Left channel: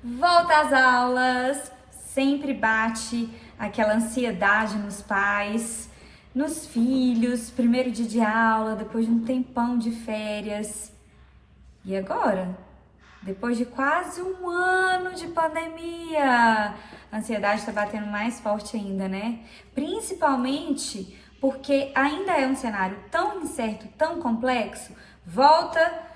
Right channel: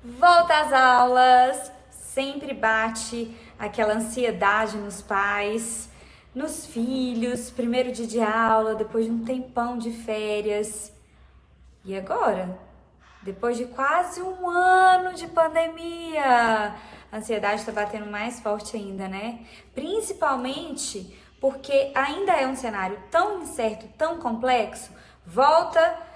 Volta às aulas, sempre bate aquela ansiedade nos pais, nos filhos, primeiro dia de aula, depois de um tempão de férias. E agora? Depois de quase um ano de pandemia, a ansiedade está batendo mais forte ainda, né? Principalmente porque ainda é um cenário tão incerto, tão complexo. Volta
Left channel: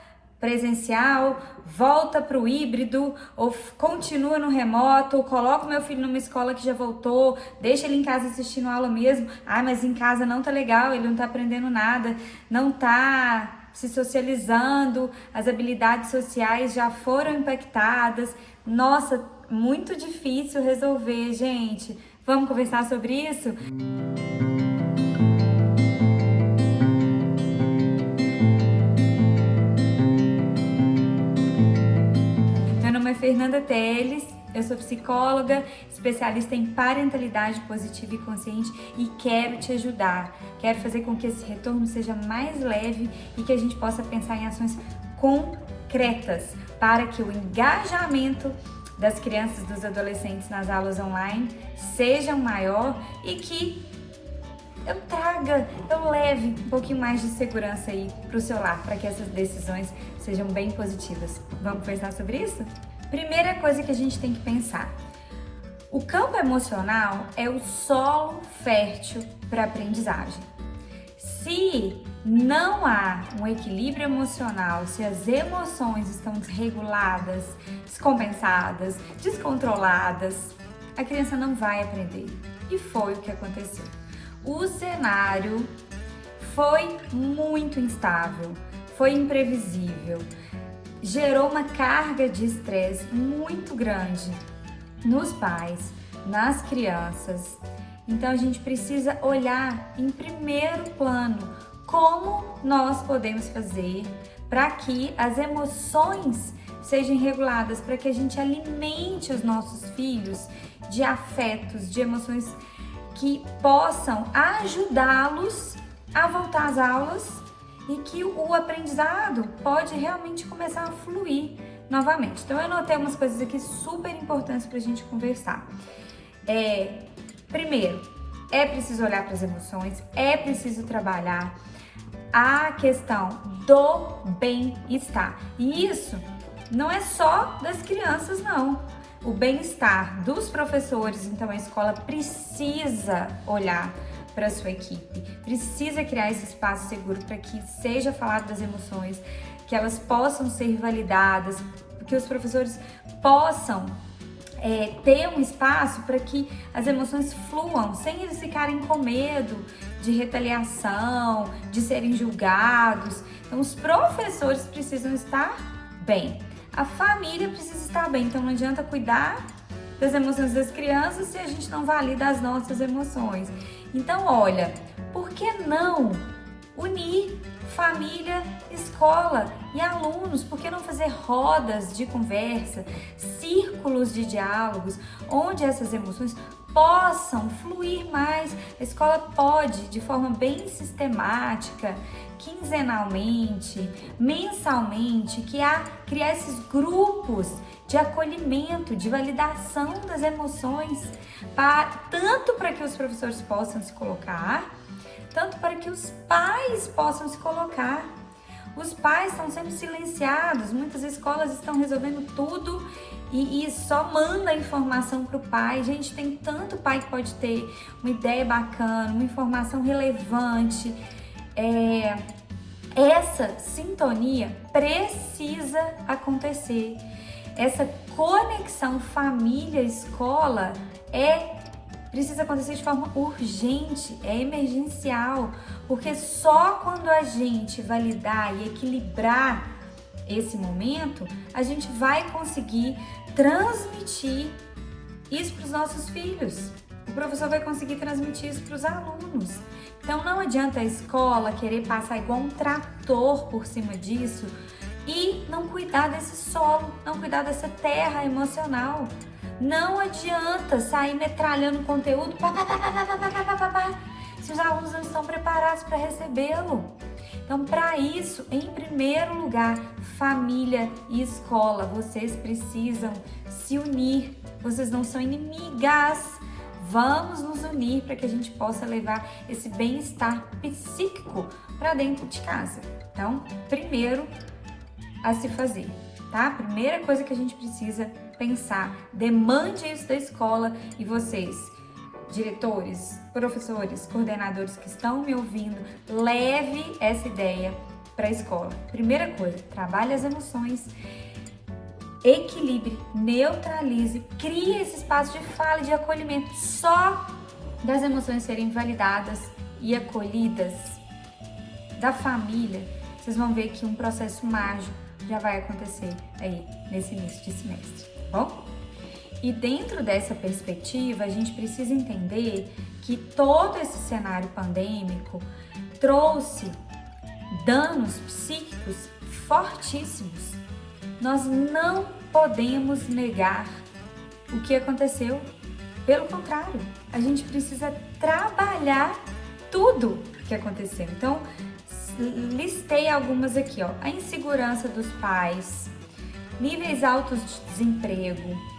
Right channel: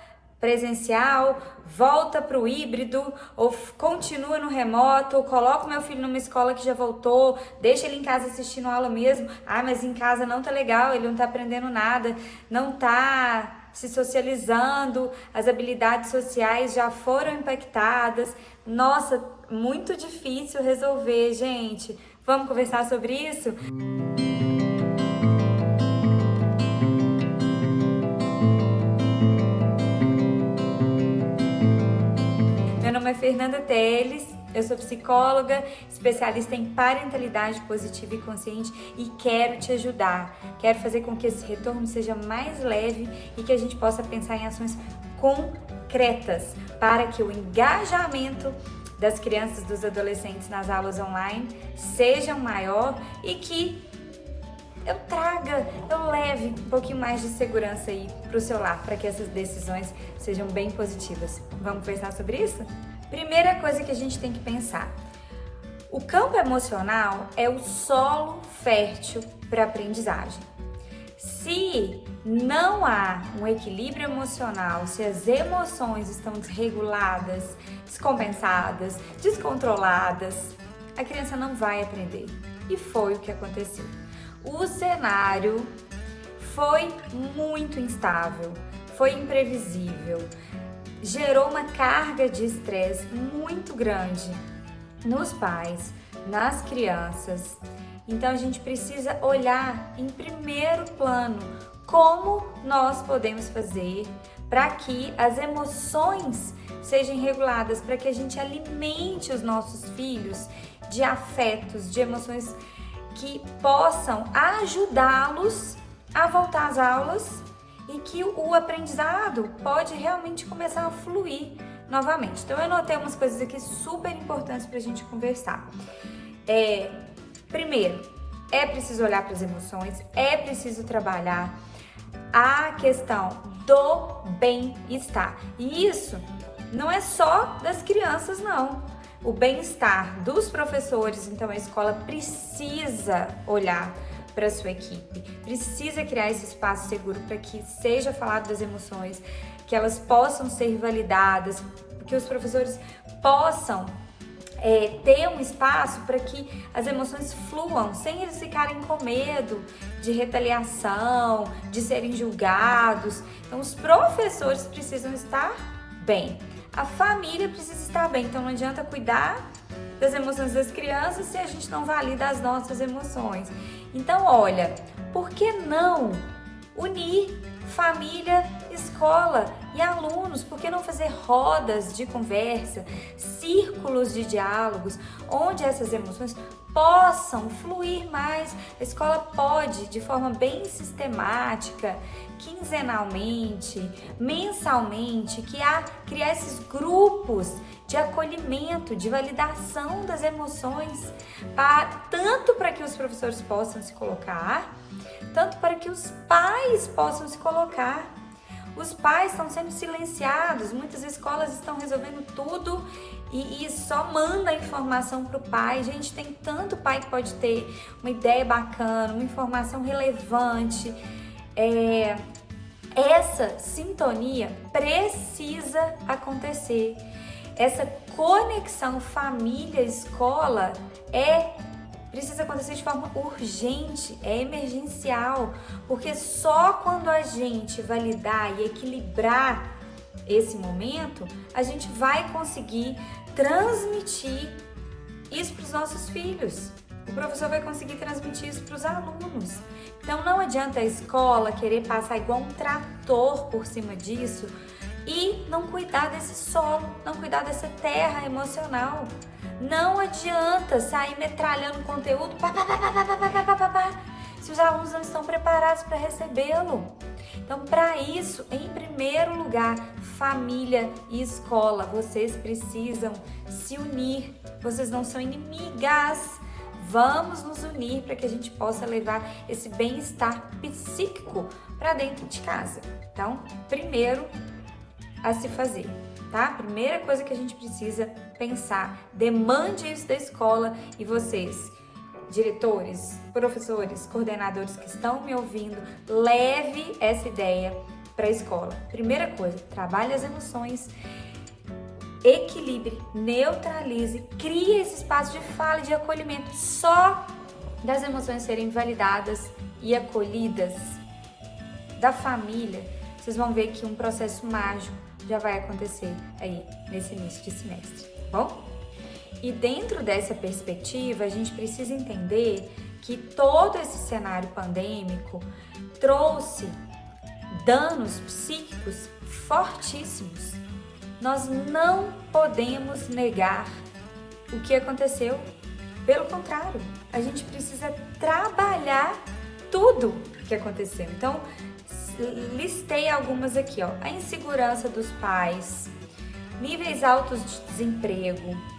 presencial, volta para o híbrido, ou continua no remoto, ou coloca o meu filho numa escola que já voltou, deixa ele em casa assistindo aula mesmo. Ah, mas em casa não tá legal, ele não tá aprendendo nada, não tá se socializando, as habilidades sociais já foram impactadas. Nossa, muito difícil resolver, gente. Vamos conversar sobre isso? Meu nome é Fernanda Teles, eu sou psicóloga, especialista em parentalidade positiva e consciente e quero te ajudar. Quero fazer com que esse retorno seja mais leve e que a gente possa pensar em ações concretas para que o engajamento das crianças e dos adolescentes nas aulas online seja maior e que eu leve um pouquinho mais de segurança aí para o seu lar, para que essas decisões sejam bem positivas. Vamos pensar sobre isso? Primeira coisa que a gente tem que pensar: o campo emocional é o solo fértil para a aprendizagem. Se não há um equilíbrio emocional, se as emoções estão desreguladas, descompensadas, descontroladas, a criança não vai aprender. E foi o que aconteceu. O cenário foi muito instável, foi imprevisível, gerou uma carga de estresse muito grande nos pais, nas crianças. Então a gente precisa olhar em primeiro plano como nós podemos fazer para que as emoções sejam reguladas, para que a gente alimente os nossos filhos de afetos, de emoções que possam ajudá-los a voltar às aulas e que o aprendizado pode realmente começar a fluir novamente. Então eu anotei umas coisas aqui super importantes para a gente conversar. Primeiro, é preciso olhar para as emoções, é preciso trabalhar a questão do bem-estar. E isso não é só das crianças, não. O bem-estar dos professores, então a escola precisa olhar para a sua equipe, precisa criar esse espaço seguro para que seja falado das emoções, que elas possam ser validadas, que os professores possam ter um espaço para que as emoções fluam, sem eles ficarem com medo de retaliação, de serem julgados. Então os professores precisam estar bem. A família precisa estar bem, então não adianta cuidar das emoções das crianças se a gente não valida as nossas emoções. Então, olha, por que não unir família, escola e alunos? Por que não fazer rodas de conversa, círculos de diálogos, onde essas emoções possam fluir mais? A escola pode, de forma bem sistemática, quinzenalmente, mensalmente, criar esses grupos de acolhimento, de validação das emoções, tanto para que os professores possam se colocar, tanto para que os pais possam se colocar. Os pais estão sempre silenciados, muitas escolas estão resolvendo tudo e só manda a informação para o pai. Gente, tem tanto pai que pode ter uma ideia bacana, uma informação relevante. Essa sintonia precisa acontecer. Essa conexão família-escola precisa acontecer de forma urgente, é emergencial, porque só quando a gente validar e equilibrar esse momento, a gente vai conseguir transmitir isso para os nossos filhos. O professor vai conseguir transmitir isso para os alunos. Então não adianta a escola querer passar igual um trator por cima disso e não cuidar desse solo, não cuidar dessa terra emocional. Não adianta sair metralhando conteúdo se os alunos não estão preparados para recebê-lo. Então, para isso, em primeiro lugar, família e escola, vocês precisam se unir. Vocês não são inimigas. Vamos nos unir para que a gente possa levar esse bem-estar psíquico para dentro de casa. Então, primeiro a se fazer, tá? Primeira coisa que a gente precisa pensar, demande isso da escola e vocês, diretores, professores, coordenadores que estão me ouvindo, leve essa ideia para a escola. Primeira coisa, trabalhe as emoções, equilibre, neutralize, crie esse espaço de fala e de acolhimento. Só das emoções serem validadas e acolhidas da família, vocês vão ver que um processo mágico já vai acontecer aí nesse início de semestre, tá bom? E dentro dessa perspectiva, a gente precisa entender que todo esse cenário pandêmico trouxe danos psíquicos fortíssimos. Nós não podemos negar o que aconteceu. Pelo contrário, a gente precisa trabalhar tudo que aconteceu. Então, listei algumas aqui, ó. A insegurança dos pais, níveis altos de desemprego,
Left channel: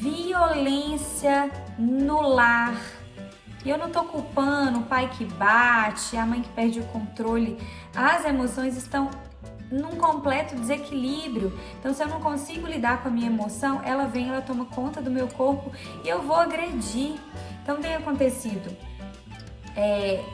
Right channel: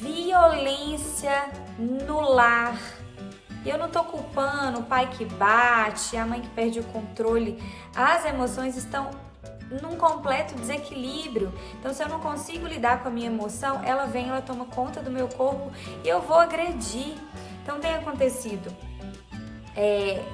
violência no lar. E eu não tô culpando o pai que bate, a mãe que perde o controle. As emoções estão num completo desequilíbrio. Então, se eu não consigo lidar com a minha emoção, ela vem, ela toma conta do meu corpo e eu vou agredir. Então, tem acontecido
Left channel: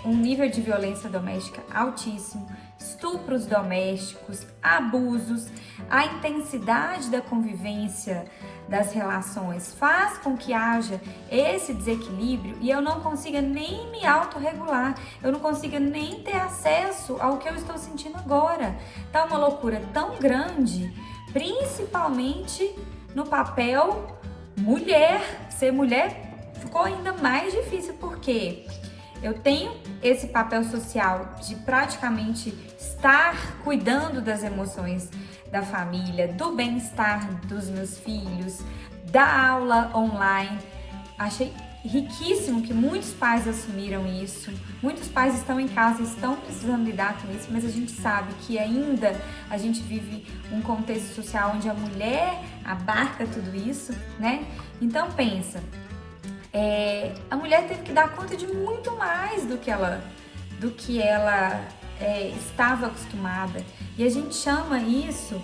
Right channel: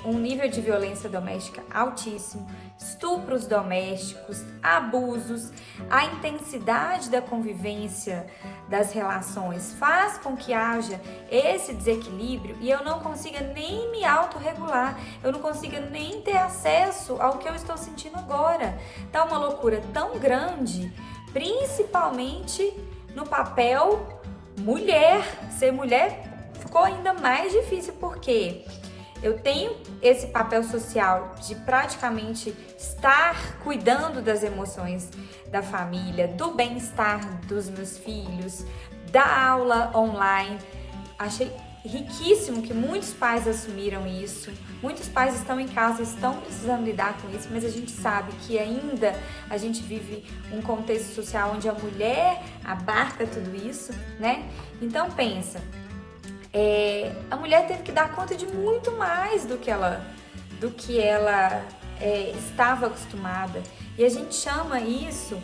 um nível de violência doméstica altíssimo, estupros domésticos, abusos, a intensidade da convivência das relações faz com que haja esse desequilíbrio e eu não consiga nem me autorregular, eu não consiga nem ter acesso ao que eu estou sentindo agora. Tá uma loucura tão grande, principalmente no papel mulher. Ser mulher ficou ainda mais difícil porque eu tenho esse papel social de praticamente estar cuidando das emoções da família, do bem-estar dos meus filhos, da aula online. Achei riquíssimo que muitos pais assumiram isso. Muitos pais estão em casa, estão precisando lidar com isso, mas a gente sabe que ainda a gente vive um contexto social onde a mulher abarca tudo isso, né? Então pensa, a mulher teve que dar conta de muito mais do que ela estava acostumada. E a gente chama isso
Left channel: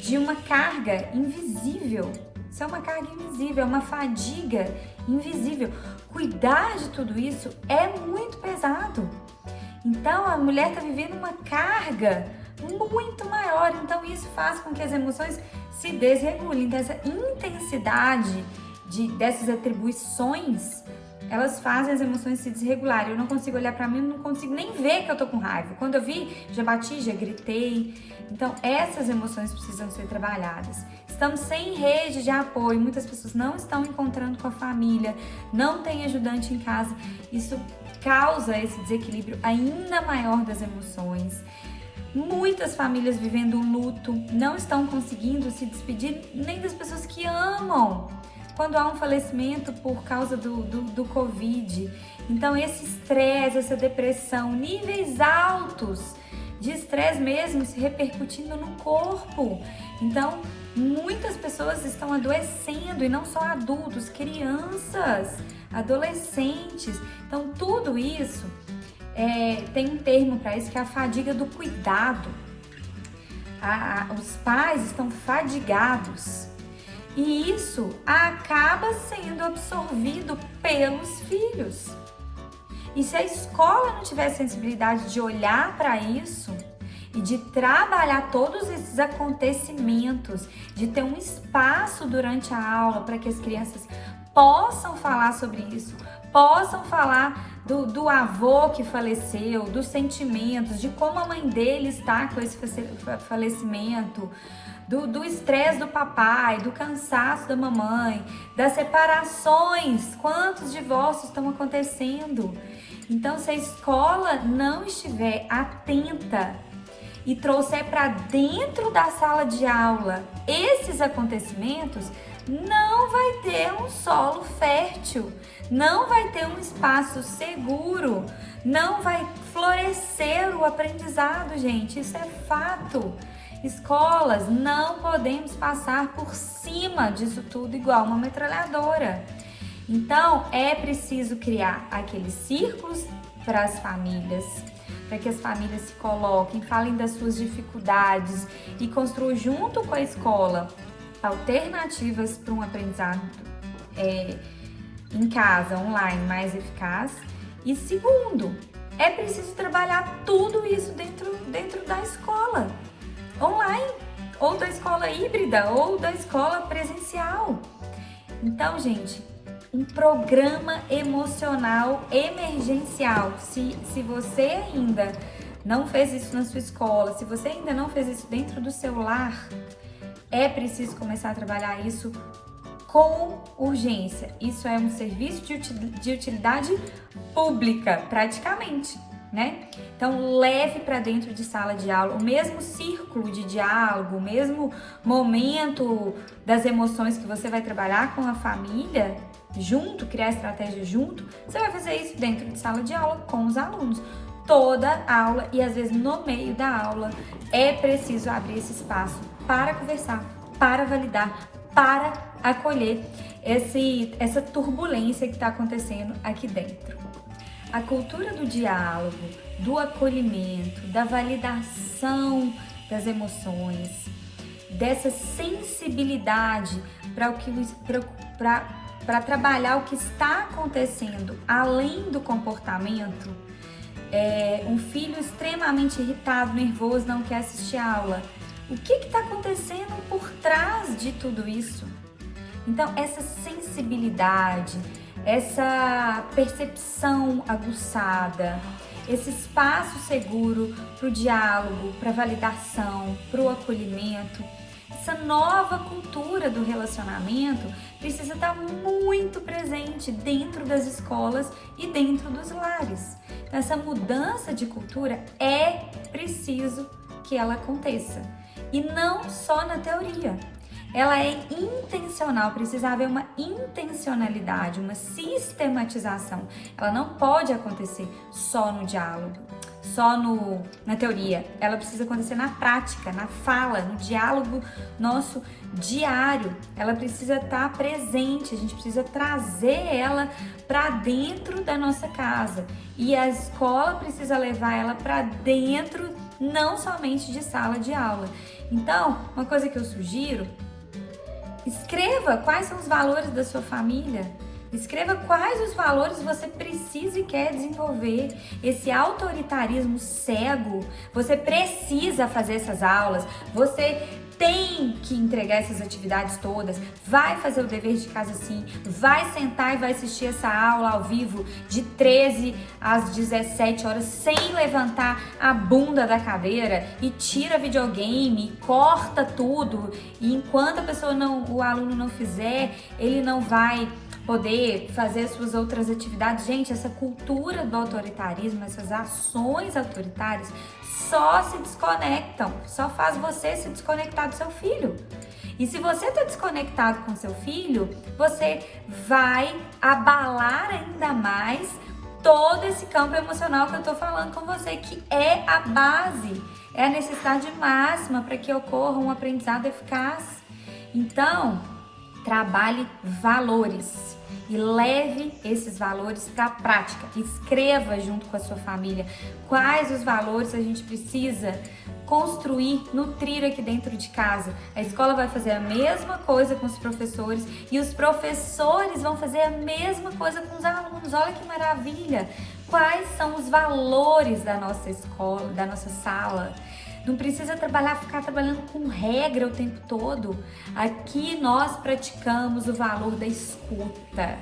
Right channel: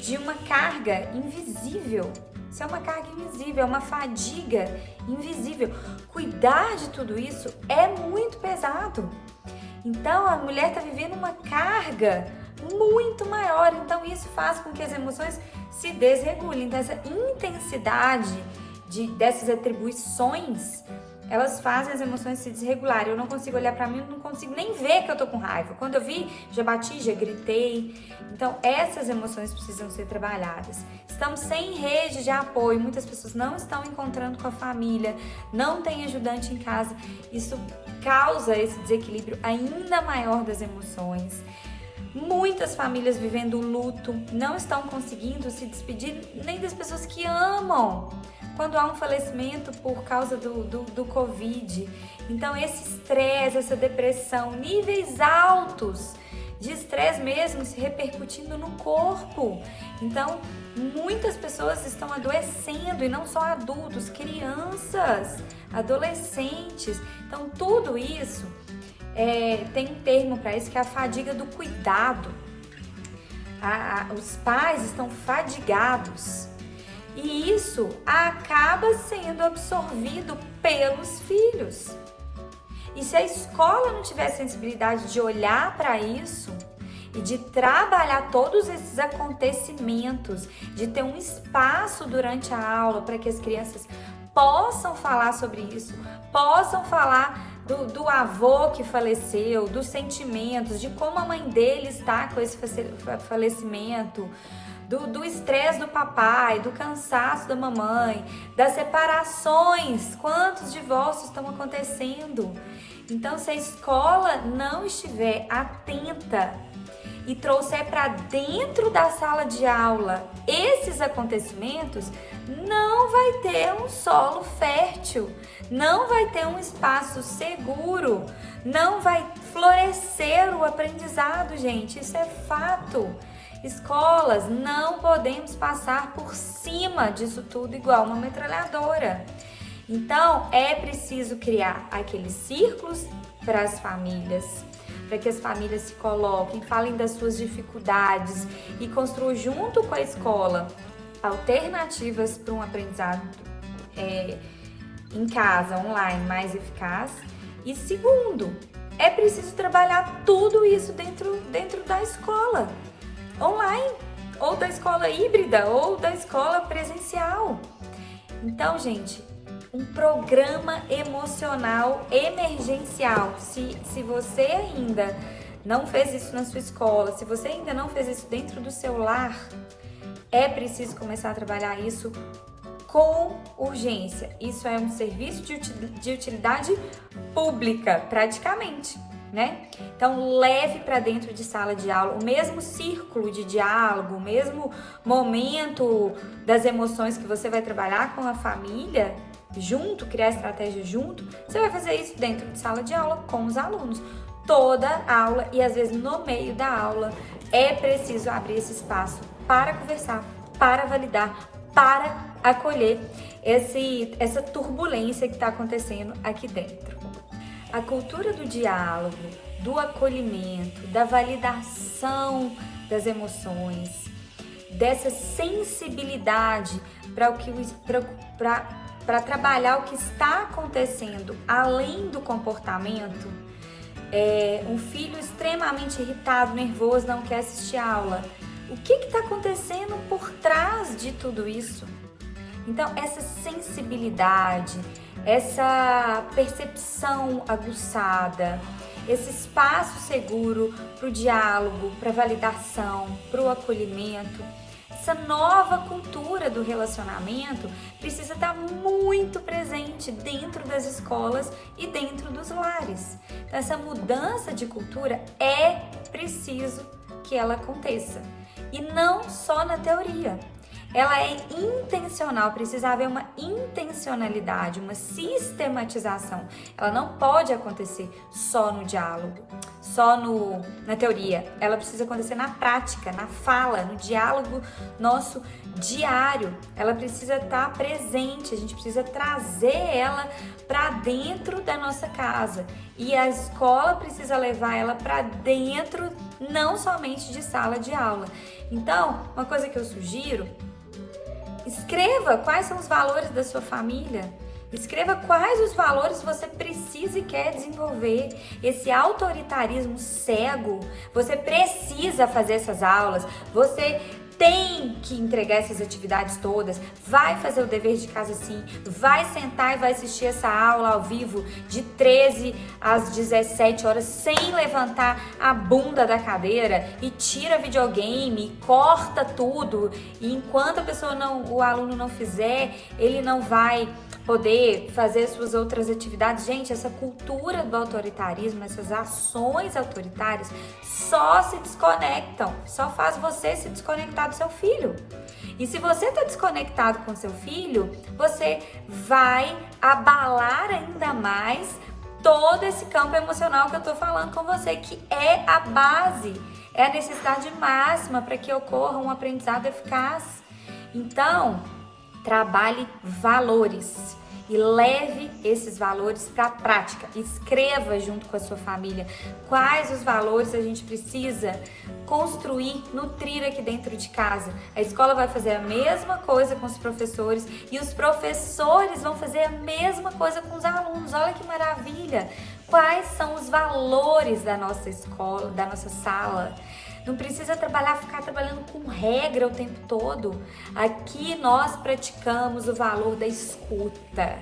de uma carga invisível. Isso é uma carga invisível, é uma fadiga invisível. Cuidar de tudo isso é muito pesado. Então a mulher está vivendo uma carga muito maior. Então isso faz com que as emoções se desregulem. Então essa intensidade dessas atribuições, elas fazem as emoções se desregularem. Eu não consigo olhar pra mim, eu não consigo nem ver que eu tô com raiva. Quando eu vi, já bati, já gritei. Então, essas emoções precisam ser trabalhadas. Estamos sem rede de apoio, muitas pessoas não estão encontrando com a família, não tem ajudante em casa. Isso causa esse desequilíbrio ainda maior das emoções. Muitas famílias vivendo o luto, não estão conseguindo se despedir nem das pessoas que amam quando há um falecimento por causa do Covid. Então esse estresse, essa depressão, níveis altos de estresse mesmo se repercutindo no corpo. Então muitas pessoas estão adoecendo, e não só adultos, crianças, adolescentes. Então tudo isso tem um termo para isso, que é a fadiga do cuidado. Os pais estão fadigados. E isso acaba sendo absorvido pelos filhos. E se a escola não tiver sensibilidade de olhar para isso e de trabalhar todos esses acontecimentos, de ter um espaço durante a aula para que as crianças possam falar sobre isso, possam falar do avô que faleceu, dos sentimentos, de como a mãe dele está com esse falecimento, do estresse do papai, do cansaço da mamãe, das separações, quantos divórcios estão acontecendo. Então, se a escola não estiver atenta e trouxer para dentro da sala de aula esses acontecimentos, não vai ter um solo fértil, não vai ter um espaço seguro, não vai florescer o aprendizado, gente. Isso é fato. Escolas, não podemos passar por cima disso tudo igual uma metralhadora. Então, é preciso criar aqueles círculos para as famílias, para que as famílias se coloquem, falem das suas dificuldades e construam junto com a escola alternativas para um aprendizado em casa, online, mais eficaz. E segundo, é preciso trabalhar tudo isso dentro da escola online, ou da escola híbrida, ou da escola presencial. Então, gente, um programa emocional emergencial. Se você ainda não fez isso na sua escola, se você ainda não fez isso dentro do seu lar, é preciso começar a trabalhar isso com urgência. Isso é um serviço de utilidade pública, praticamente, né? Então, leve para dentro de sala de aula o mesmo círculo de diálogo, o mesmo momento das emoções que você vai trabalhar com a família junto, criar estratégia junto. Você vai fazer isso dentro de sala de aula com os alunos. Toda aula e às vezes no meio da aula é preciso abrir esse espaço para conversar, para validar, para acolher essa turbulência que está acontecendo aqui dentro. A cultura do diálogo, do acolhimento, da validação das emoções, dessa sensibilidade para trabalhar o que está acontecendo além do comportamento. Um filho extremamente irritado, nervoso, não quer assistir a aula. O que está acontecendo por trás de tudo isso? Então, essa sensibilidade, essa percepção aguçada, esse espaço seguro para o diálogo, para a validação, para o acolhimento, essa nova cultura do relacionamento precisa estar muito presente dentro das escolas e dentro dos lares. Então, essa mudança de cultura é preciso que ela aconteça. E não só na teoria. Ela é intencional, precisa haver uma intencionalidade, uma sistematização. Ela não pode acontecer só no diálogo, só na teoria. Ela precisa acontecer na prática, na fala, no diálogo nosso diário. Ela precisa estar presente, a gente precisa trazer ela para dentro da nossa casa. E a escola precisa levar ela para dentro, não somente de sala de aula. Então, uma coisa que eu sugiro: escreva quais são os valores da sua família. Escreva quais os valores você precisa e quer desenvolver. Esse autoritarismo cego, você precisa fazer essas aulas, você tem que entregar essas atividades todas, vai fazer o dever de casa sim, vai sentar e vai assistir essa aula ao vivo de 13 às 17 horas sem levantar a bunda da cadeira e tira videogame, corta tudo, e enquanto o aluno não fizer, ele não vai poder fazer suas outras atividades. Gente, essa cultura do autoritarismo, essas ações autoritárias só se desconectam, só faz você se desconectar do seu filho. E se você está desconectado com seu filho, você vai abalar ainda mais todo esse campo emocional que eu tô falando com você, que é a base, é a necessidade máxima para que ocorra um aprendizado eficaz. Então, trabalhe valores e leve esses valores para a prática. Escreva junto com a sua família quais os valores a gente precisa construir, nutrir aqui dentro de casa. A escola vai fazer a mesma coisa com os professores e os professores vão fazer a mesma coisa com os alunos. Olha que maravilha! Quais são os valores da nossa escola, da nossa sala? Não precisa ficar trabalhando com regra o tempo todo. Aqui nós praticamos o valor da escuta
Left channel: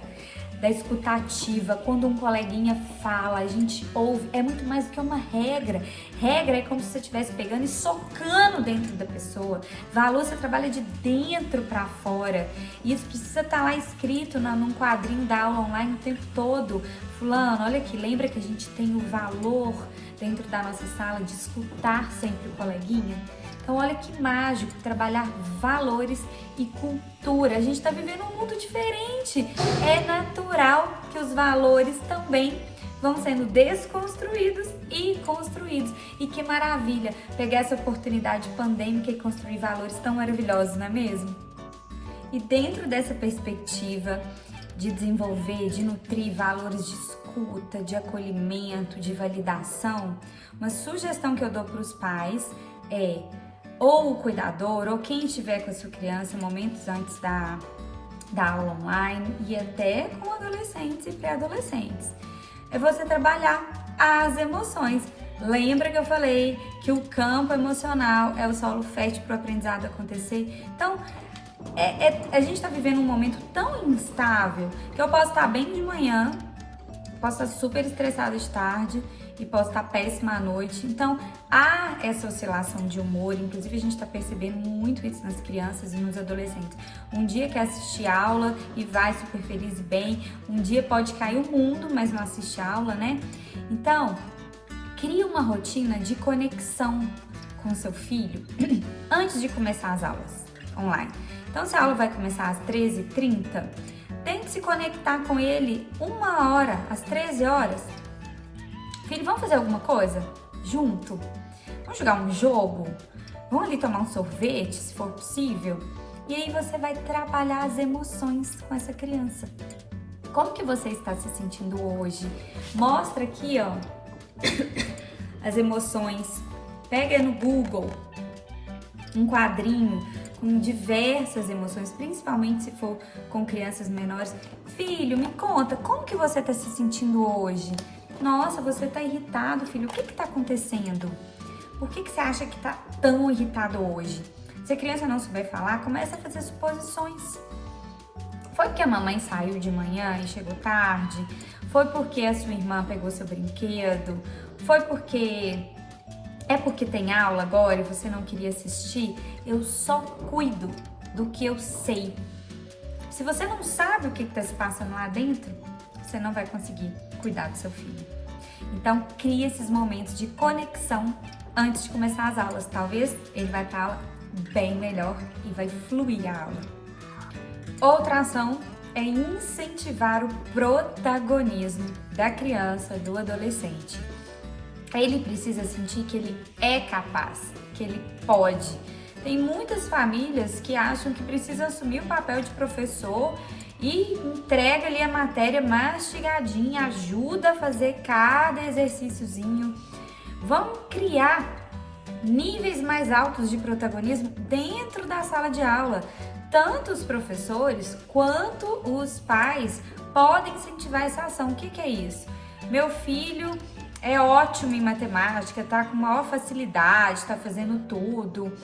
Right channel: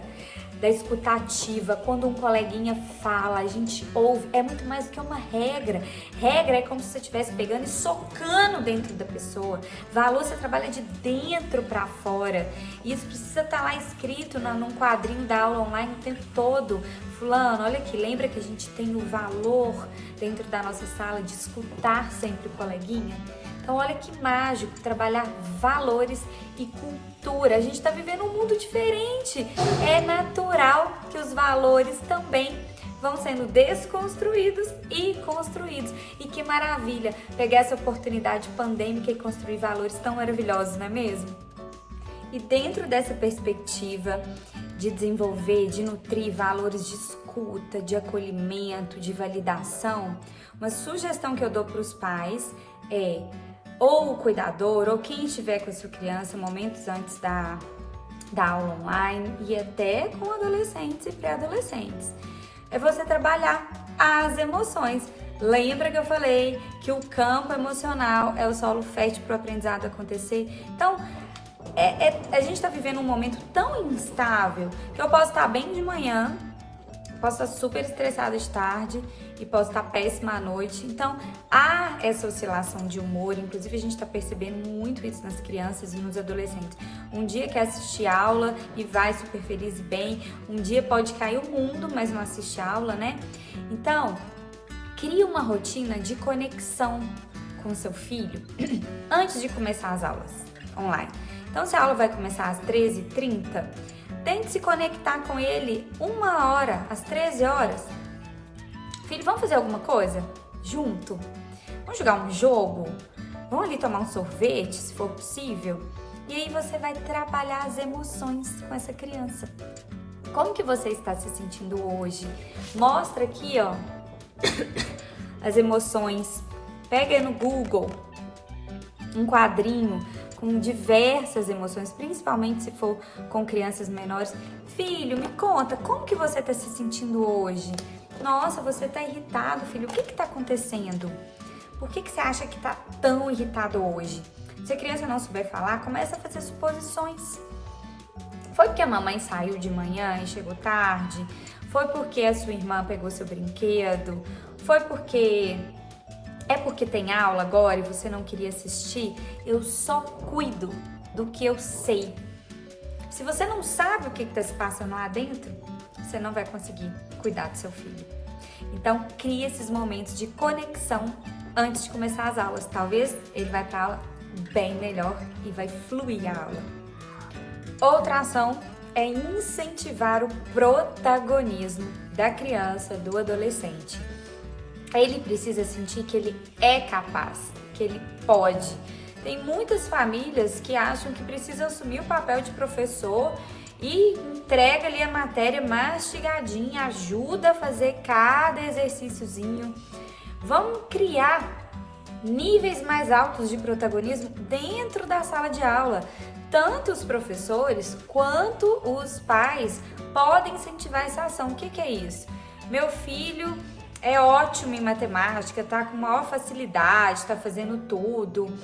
ativa. Quando um coleguinha fala, a gente ouve. É muito mais do que uma regra. Regra é como se você estivesse pegando e socando dentro da pessoa. Valor você trabalha de dentro para fora. Isso precisa estar lá escrito num quadrinho da aula online o tempo todo. Fulano, olha aqui, lembra que a gente tem o valor dentro da nossa sala, de escutar sempre o coleguinha. Então olha que mágico trabalhar valores e cultura. A gente está vivendo um mundo diferente. É natural que os valores também vão sendo desconstruídos e construídos. E que maravilha pegar essa oportunidade pandêmica e construir valores tão maravilhosos, não é mesmo? E dentro dessa perspectiva de desenvolver, de nutrir valores de escuta, de acolhimento, de validação, uma sugestão que eu dou para os pais é ou o cuidador ou quem estiver com a sua criança momentos antes da aula online e até com adolescentes e pré-adolescentes, é você trabalhar as emoções. Lembra que eu falei que o campo emocional é o solo fértil para o aprendizado acontecer? Então, a gente está vivendo um momento tão instável que eu posso estar bem de manhã, posso estar super estressada de tarde e posso estar péssima à noite. Então, há essa oscilação de humor. Inclusive, a gente está percebendo muito isso nas crianças e nos adolescentes. Um dia quer assistir aula e vai super feliz e bem. Um dia pode cair o mundo, mas não assiste aula, né? Então, cria uma rotina de conexão com seu filho antes de começar as aulas online. Então, se a aula vai começar às 13h30, tente se conectar com ele 1 hora, às 13 horas. Filho, vamos fazer alguma coisa junto? Vamos jogar um jogo? Vamos ali tomar um sorvete, se for possível? E aí você vai trabalhar as emoções com essa criança. Como que você está se sentindo hoje? Mostra aqui, ó, as emoções. Pega no Google um quadrinho com diversas emoções, principalmente se for com crianças menores. Filho, me conta, como que você está se sentindo hoje? Nossa, você está irritado, filho. O que está acontecendo? Por que você acha que está tão irritado hoje? Se a criança não souber falar, começa a fazer suposições. Foi porque a mamãe saiu de manhã e chegou tarde? Foi porque a sua irmã pegou seu brinquedo? Foi porque... É porque tem aula agora e você não queria assistir? Eu só cuido do que eu sei. Se você não sabe o que está se passando lá dentro, você não vai conseguir cuidar do seu filho. Então, crie esses momentos de conexão antes de começar as aulas. Talvez ele vai para a aula bem melhor e vai fluir a aula. Outra ação é incentivar o protagonismo da criança, do adolescente. Ele precisa sentir que ele é capaz, que ele pode. Tem muitas famílias que acham que precisam assumir o papel de professor e entrega ali a matéria mastigadinha, ajuda a fazer cada exercíciozinho. Vamos criar níveis mais altos de protagonismo dentro da sala de aula. Tanto os professores quanto os pais podem incentivar essa ação. O que é isso? Meu filho é ótimo em matemática, tá com maior facilidade, tá fazendo tudo.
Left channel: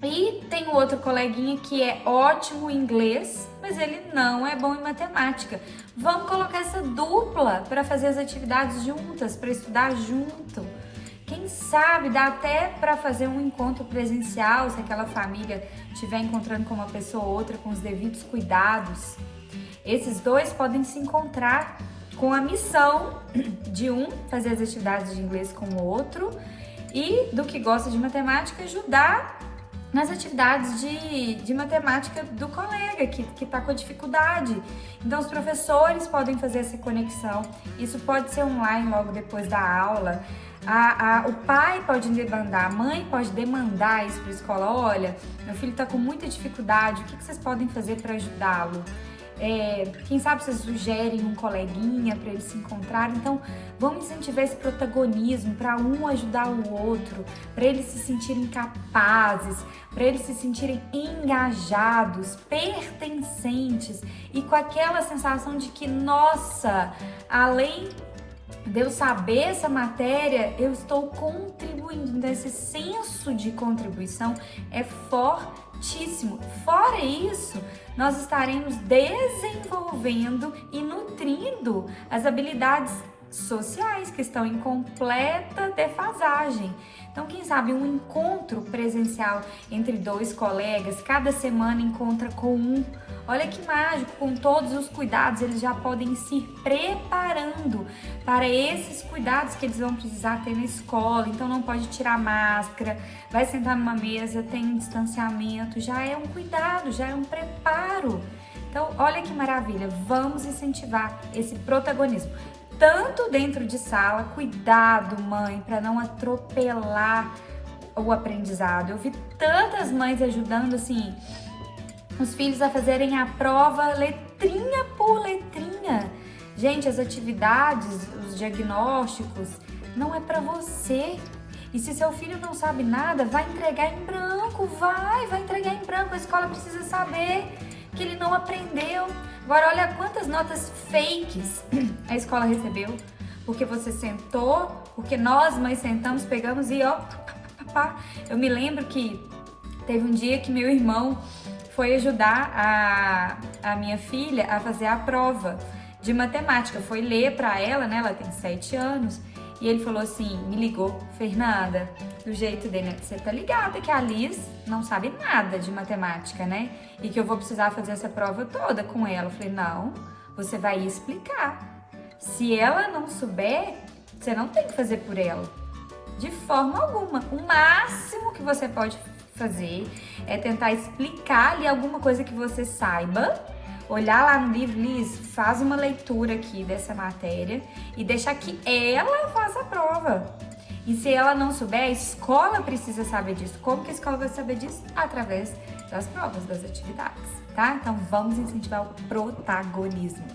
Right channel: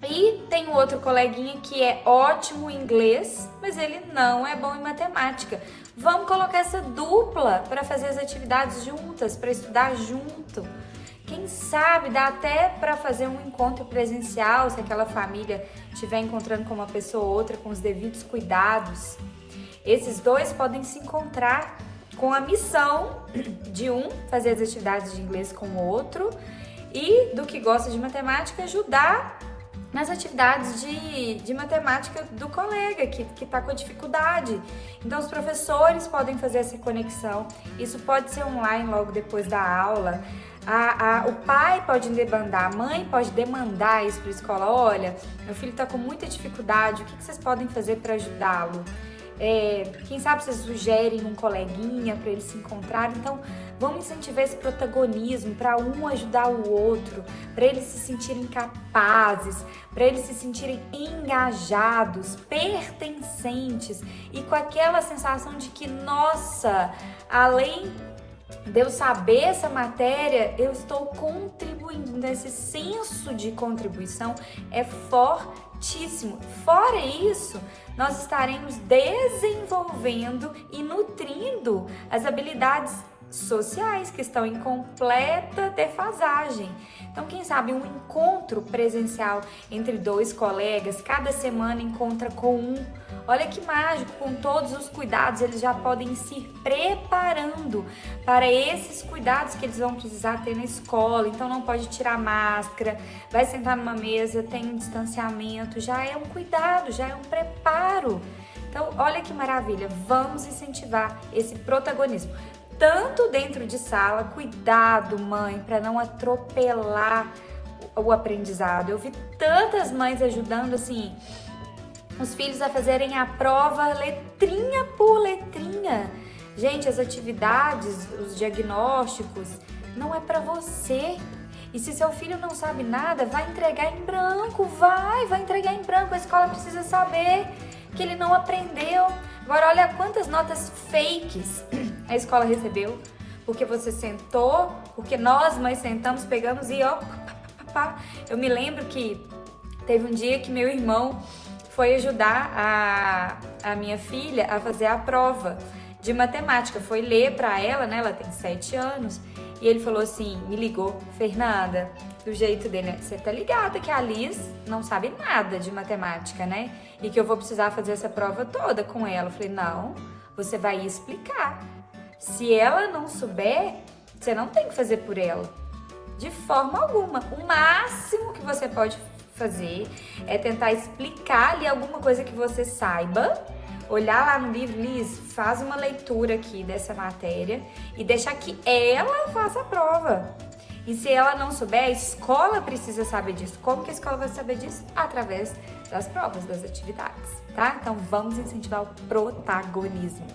E tem um outro coleguinha que é ótimo em inglês, mas ele não é bom em matemática. Vamos colocar essa dupla para fazer as atividades juntas, para estudar junto. Quem sabe dá até para fazer um encontro presencial, se aquela família estiver encontrando com uma pessoa ou outra com os devidos cuidados. Esses dois podem se encontrar com a missão de um fazer as atividades de inglês com o outro e do que gosta de matemática ajudar nas atividades de matemática do colega que está com a dificuldade. Então os professores podem fazer essa conexão, isso pode ser online logo depois da aula. O pai pode demandar, a mãe pode demandar isso para a escola. Olha, meu filho está com muita dificuldade, o que vocês podem fazer para ajudá-lo? Quem sabe vocês sugerem um coleguinha para eles se encontrarem. Então vamos incentivar esse protagonismo para um ajudar o outro, para eles se sentirem capazes, para eles se sentirem engajados, pertencentes e com aquela sensação de que, nossa, além de eu saber essa matéria, eu estou contribuindo. Esse senso de contribuição é fortíssimo. Fora isso, nós estaremos desenvolvendo e nutrindo as habilidades sociais que estão em completa defasagem. Então, quem sabe um encontro presencial entre dois colegas, cada semana encontra com um Olha que mágico, com todos os cuidados, eles já podem ir se preparando para esses cuidados que eles vão precisar ter na escola. Então não pode tirar máscara, vai sentar numa mesa, tem um distanciamento, já é um cuidado, já é um preparo. Então, olha que maravilha, vamos incentivar esse protagonismo. Tanto dentro de sala, cuidado, mãe, para não atropelar o aprendizado. Eu vi tantas mães ajudando, assim, os filhos a fazerem a prova letrinha por letrinha. Gente, as atividades, os diagnósticos, não é para você. E se seu filho não sabe nada, vai entregar em branco, vai entregar em branco. A escola precisa saber que ele não aprendeu. Agora, olha quantas notas fakes a escola recebeu, porque você sentou, porque nós mães sentamos, pegamos e ó, eu me lembro que teve um dia que meu irmão foi ajudar a minha filha a fazer a prova de matemática, foi ler para ela, né, ela tem 7 anos, e ele falou assim, me ligou, Fernanda, do jeito dele, né? Você tá ligada que a Liz não sabe nada de matemática, né? E que eu vou precisar fazer essa prova toda com ela. Eu falei, não, você vai explicar. Se ela não souber, você não tem que fazer por ela. De forma alguma. O máximo que você pode fazer é tentar explicar ali alguma coisa que você saiba, olhar lá no livro, Liz, faz uma leitura aqui dessa matéria e deixar que ela faça a prova. E se ela não souber, a escola precisa saber disso. Como que a escola vai saber disso? Através das provas, das atividades, tá? Então vamos incentivar o protagonismo.